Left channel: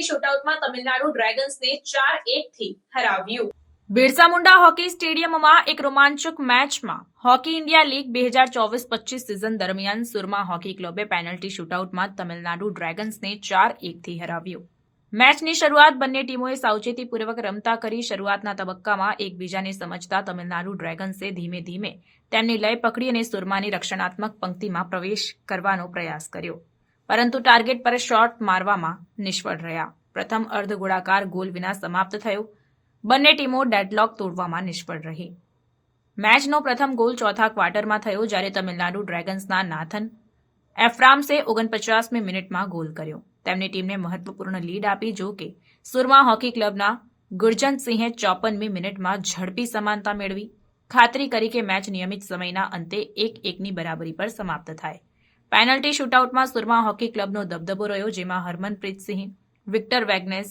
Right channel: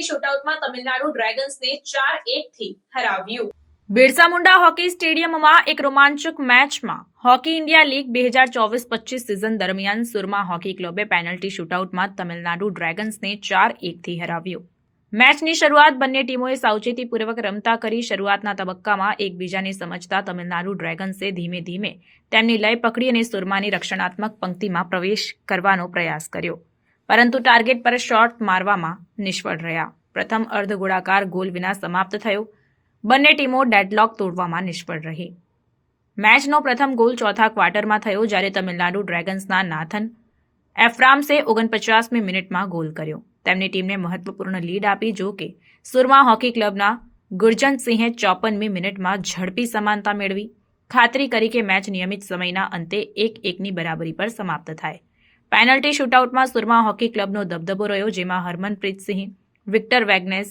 Penalty શૂટઆઉટમાં Tamil Nadu ડ્રેગન્સને 4-1 થી હરાવ્યું। Birsa Munda hockey સ્ટેડિયમમાં એક રોમાંચક મેચમાં હોકી ઇન્ડિયા લીગ 2024-25 સિઝન દરમિયાન સુરમા હોકી ક્લબે પેનલ્ટી શૂટઆઉટમાં તમિલનાડુ ડ્રેગન્સને 4-1 થી હરાવ્યું। મેચની શરૂઆત બંને ટીમોએ સાવચેતીપૂર્વક રમતા કરી શરૂઆતના તબક્કામાં એકબીજાને સમજતા તમિલનાડુ ડ્રેગન્સે ધીમે ધીમે તેમની લય પકડી અને સુરમાની રક્ષણાત્મક પંક્તિમાં પ્રવેશ કરવાનો પ્રયાસ કર્યો, પરંતુ ટાર્ગેટ પર શોટ મારવામાં નિષ્ફળ રહ્યા। પ્રથમ અર્ધ ગોળાકાર ગોલ વિના સમાપ્ત થયો। બંને ટીમો ડેડલોક તોડવામાં નિષ્ફળ રહી। મેચનો પ્રથમ ગોલ ચોથા ક્વાર્ટરમાં થયો, જ્યારે તમિલનાડુ ડ્રેગન્સના નાથન એફ્રામ્સે 49મી મિનિટમાં ગોલ કર્યો। તેમની ટીમને મહત્વપૂર્ણ લીડ આપી। જો કે સુરમા હોકી ક્લબના ગુરજંતસિંહે 54મી મિનિટમાં ઝડપી સમાનતા મેળવી, ખાતરી કરી કે મેચ નિયમિત સમયના અંતે 1-1ની બરાબરી પર સમાપ્ત થાય। પેનલ્ટી શૂટઆઉટમાં સુરમા હોકી ક્લબનો દબદબો રહ્યો, જેમાં હરમનપ્રીત સિંહ, વિક્ટર વેગ્નેસ,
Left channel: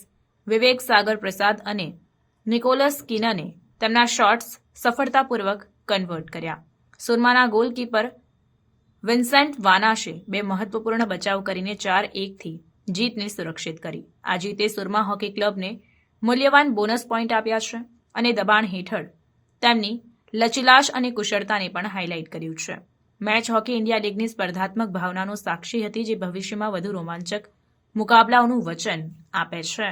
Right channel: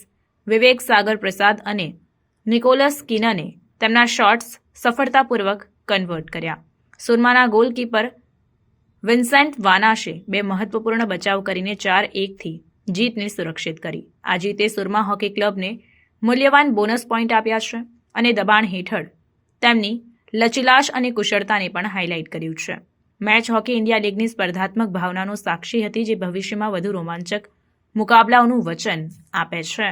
વિવેક સાગર પ્રસાદ અને નિકોલસ કિનને તેમના શોટ્સ સફળતાપૂર્વક કન્વર્ટ કર્યા। સુરમાના ગોલકીપર વિન્સેન્ટ વાનાશે 2 મહત્વપૂર્ણ બચાવ કરીને 4-1 થી જીતને સુરક્ષિત કરી। આ જીતે સુરમા હોકી ક્લબને મૂલ્યવાન બોનસ પોઈન્ટ આપ્યા છે અને દબાણ હેઠળ તેમની લચીલાશ અને કુશળતાને પણ હાઇલાઇટ કર્યું છે। મેચ હોકી ઇન્ડિયા લીગની સ્પર્ધાત્મક ભાવનાનો સાક્ષી હતી, જે ભવિષ્યમાં વધુ રોમાંચક મુકાબલાઓનું વચન આપે છે।